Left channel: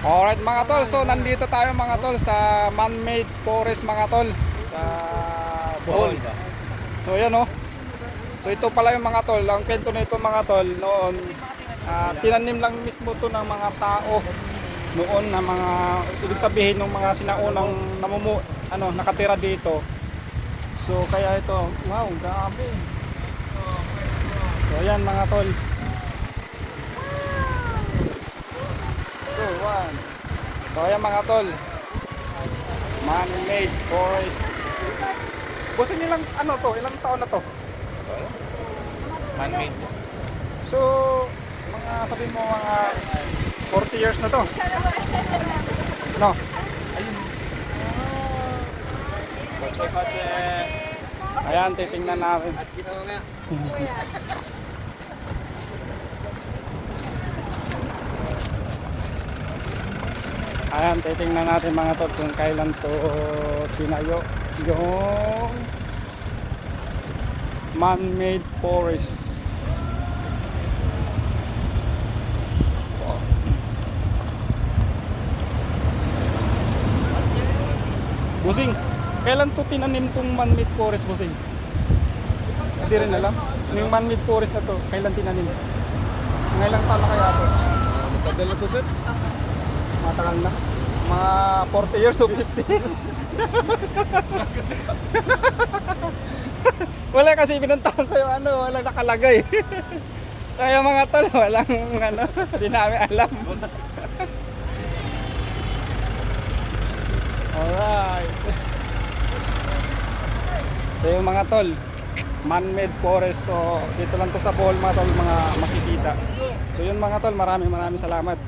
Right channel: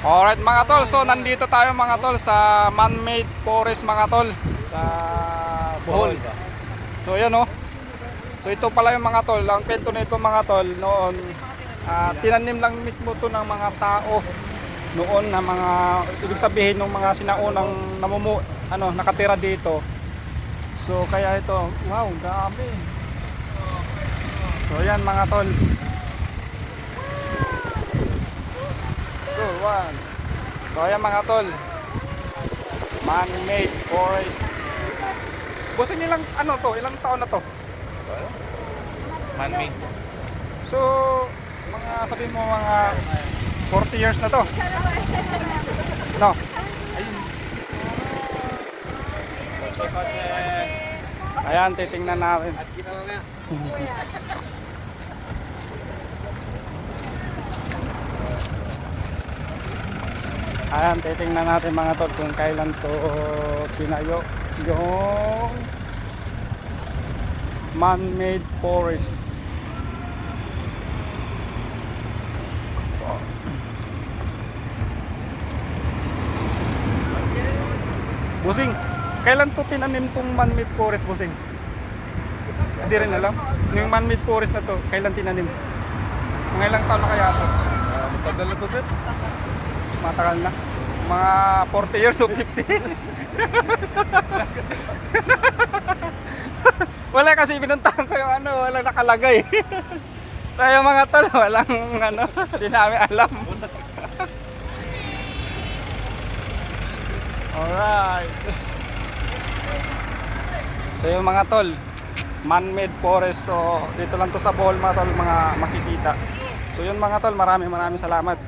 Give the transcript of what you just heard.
Alright mga tol, so nandito tayo mga tol sa man-made forest mga tol sa Bohol. So yan oh. So ito pala yung mga tol, ang kwento nito mga tol noon tinanim lang mismo to ng mga tao noon na mga ibig sabihin ng mga sinaunang nakatira dito. So kaya ito, wow, grabe. So yan mga tol. So ayan mga tol, man-made forest. Boss, ilang ilang taon na to? Man-made. So sabihin mo mga 40 years na to. No? Ayan, titingnan natin. At ginawa nga. Ayan, titingnan natin mga tol kung kailan to sinayo yung man-made forest. Busing, kailan to tinanim tong man-made forest, Busing? Hindi rin alam. Yung man-made forest na to, kailan tinanim? Mga ilang taon na kaya to? Matagal na po sir. Matagal na. Mga 40 years o 50. Wala kasi pinuntahan ko yung walang nakalagay. So yung mga tol, walang hindi namin alam. Alright. So yung mga tol, man-made forest. So dito lang to sa Bohol mga tol, mga makikita. So yun mga tol, maraming salamat.